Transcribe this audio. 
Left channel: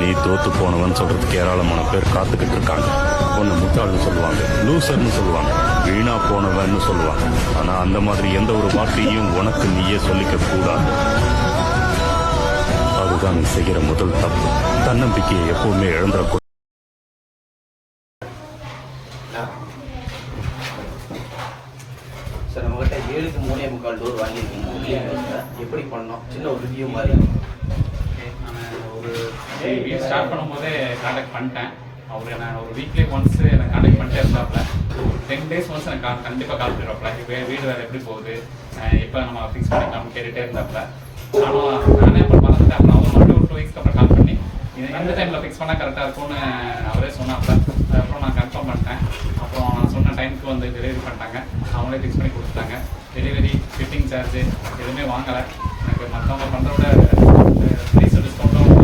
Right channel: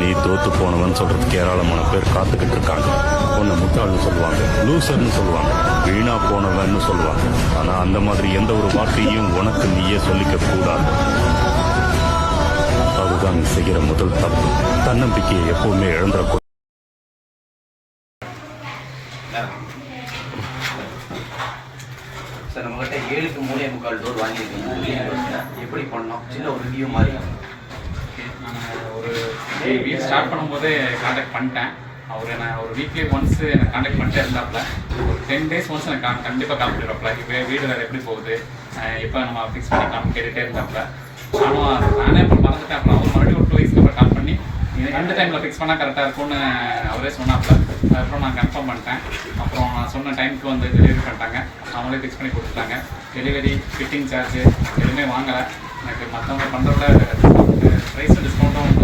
நீ தோத்து போனவன் சொல்றதுக்கு ஏராளமான பேர் காத்துக்கிட்டு இருக்காங்க. உன்னை முட்டாள்னு சொல்லுவாங்க, லூசர்னு சொல்லுவாங்க, வீணா போனவன்னு சொல்லுவாங்க. ஆனா அந்த மாதிரி எந்த ஒரு வார்த்தையும் உனக்கு நீயே சொல்லிக்க கூடாது. அதுதான் நீ செய்கிற முதல் தப்பு. தன்னம்பிக்கையை எப்பவுமே இழந்துடக்கூடாது. சார், நம்மகிட்ட 7க்கு 3.25 டோர் வாங்கியிருக்கீங்க. எப்படி பண்ணோம்? சின்ன ஒரு ரிவ்யூ மாதிரி. நான் ஒரு வீக் ஸ்டார்ட் பண்ணும்போதே காண்டாக்ட் பண்ணிட்டேன். அவர் என்ன ஒரு வீக்லி ஒன்ஸ் எனக்கு காண்டாக்ட் பண்ணிட்டே இருந்தாப்புல. ஒரு 10 days ஒன்ஸ் எனக்கு கண்டிப்பாக கால் பண்ணிடுறாப்புல. இப்போ வீடு வேறு எப்படி போகுது, எப்போ நம்ம ஃபிக்ஸ் பண்ணிக்கலாம் கேட்டுகிட்டே இருந்தாப்புல. நானே இப்போ மறந்துட்டேன். அப்புறம் அவர் மறுபடியும் ஒரு 2 weeks அப்புறம் கால் பண்ணி எந்த டைமில் ஃபிக்ஸ் பண்ணால் கரெக்டாக இருக்கும்னு அவரே சொன்னாப்புல. அதுக்கப்புறம் நான் கன்ஃபார்ம் பண்ணிட்டேன். அப்புறம் நான் சொன்ன டைமுக்கு வந்து டெலிவரி பண்ணிட்டாங்க. அவங்களே ஃபிக்ஸ் பண்ணி கொடுத்துட்டாங்க. டெலிவரி, ஃபிட்டிங் சார்ஜ் எதுவுமே வாங்கலை. எனக்கு மற்றவங்க பண்ணுறத ப்ரைஸ் டிஸ்கவுண்ட்டும்